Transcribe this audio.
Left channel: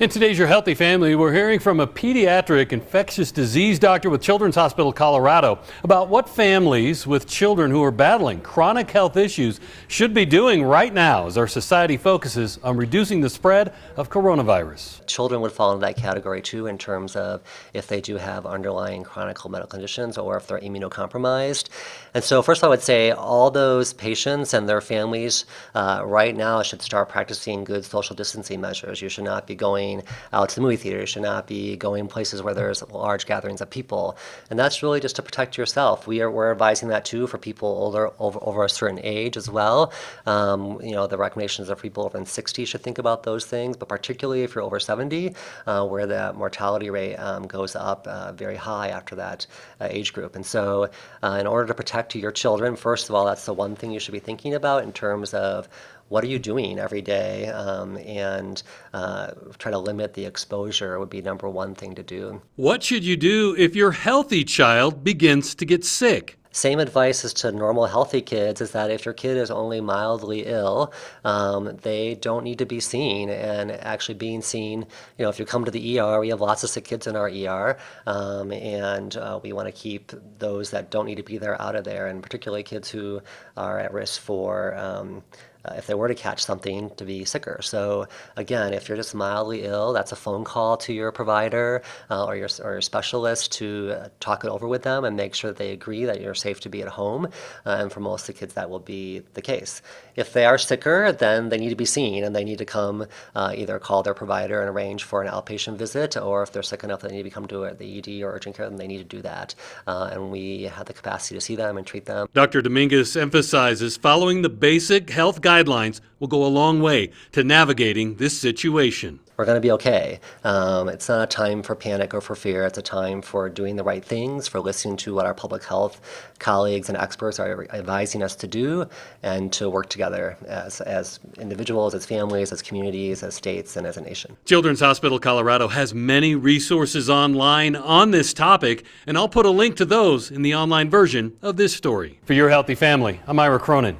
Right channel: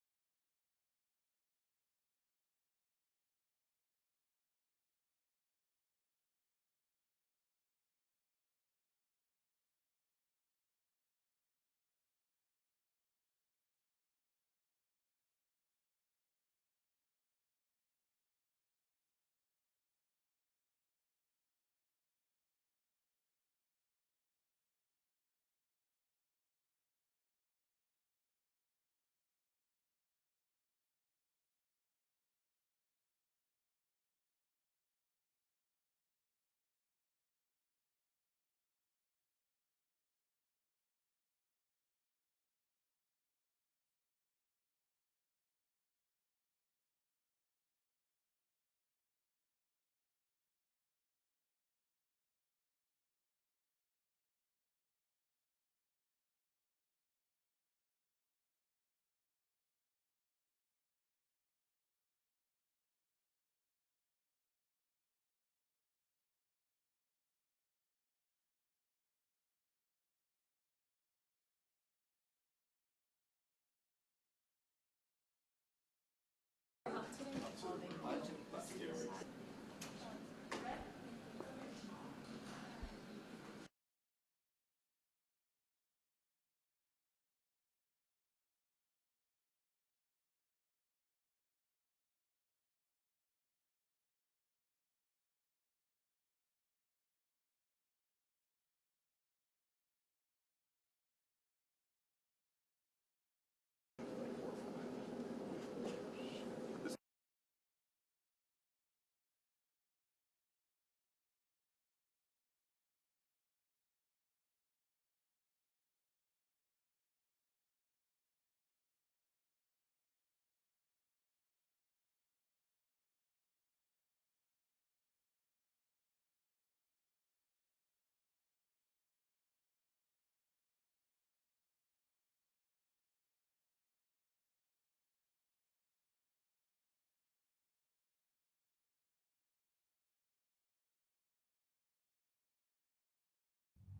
In today's Your Healthy Family, we're hearing from a pediatric infectious disease doctor with Children's Hospital Colorado about what families with children who are battling chronic health issues should be doing right now as our society focuses on reducing the spread of coronavirus. Children would fall into that category too in terms of if they do have underlying chronic medical conditions or if they're immunocompromised. And so first I would say all those patients and their families right now should start practicing good social distancing measures. You should not be going out to the movie theater. You should not be going places where there's large gatherings of people. And that's really just to protect yourself. We're advising that too for people older, over a certain age as well. The recommendations are for people over 60 should think about those things, but particularly if you're over 70, where the mortality rate goes up very high after that age group. And so in order to protect your children, first of all, that's the one thing you should be thinking about in terms of what are you doing every day, and try to limit the exposure would be number one thing to do. What should you do if your healthy child begins to get sick? Same advice as to normal healthy kids is that if your kid is only mildly ill, they don't need to be seen. And actually being seen, if you come to the ER, we have lots of sick kids in our ER, and we want to keep those that don't need to be there out of there, and particularly kids who are at risk for if they were to catch something, to be sicker. So again, if you're just mildly ill, that's a phone call to your provider or your specialist to talk it over with them and make sure that they agree that you're safe to be at home. And for most of the kids, that will be the case. If they are sicker, then they need to be seen and they need to come either call their provider and arrange for an outpatient visit, or if they're sick enough that they need to come to the ED or urgent care, then they need to do that. And we have the capacity to see them and treat them. Dr. Dominguez emphasizes following the basic health guidelines will go a long way to navigating this situation. We're going to be okay. It's not a time for panic or for fear. It's a time for doing the right things, for listening to what our public health colleagues and experts are advising us to do, and to work together as individuals, as families, as communities, as states, and as a nation. Children's Hospital Colorado has many resources online on this topic, and I'll put a link to those in the online version of this story. For Your Healthy Family, I'm Ira Cronin.